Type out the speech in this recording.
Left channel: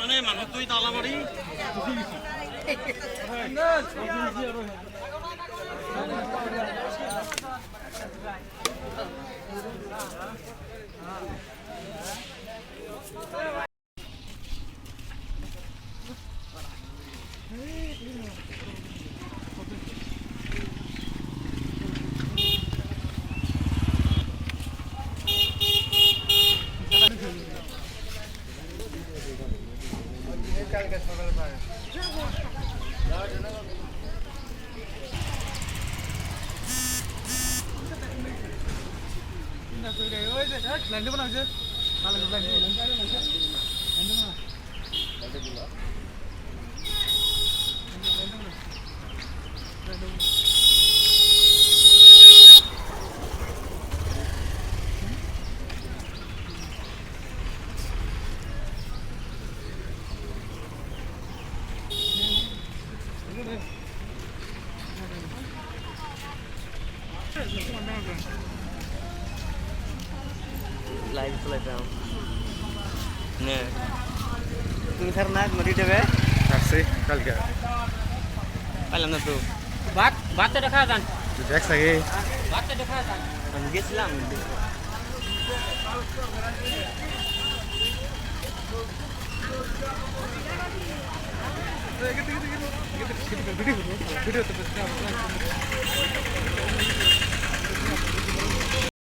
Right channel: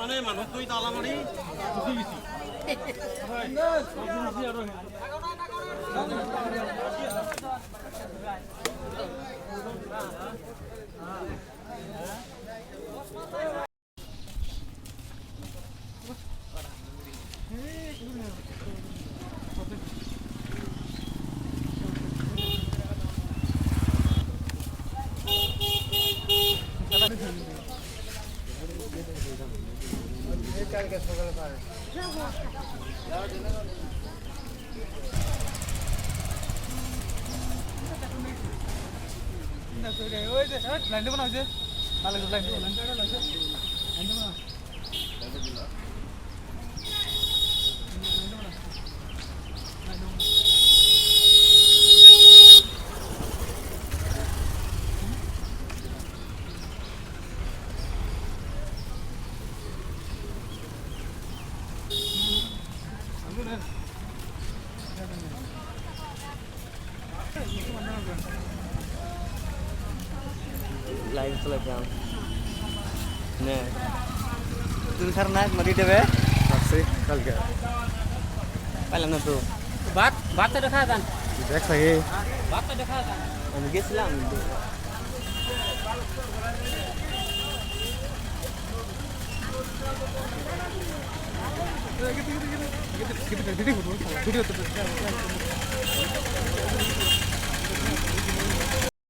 মানে মানুষ তুই তালা মারি লাইভ চলেছে না তুমি স্যার না মরি দেবে আসছে কালকে পাইলাম না তো ভাত তো খাওয়া যান দেখ লাগে ভাত তো খাওয়া যান আমি গেছিলাম ভিডিও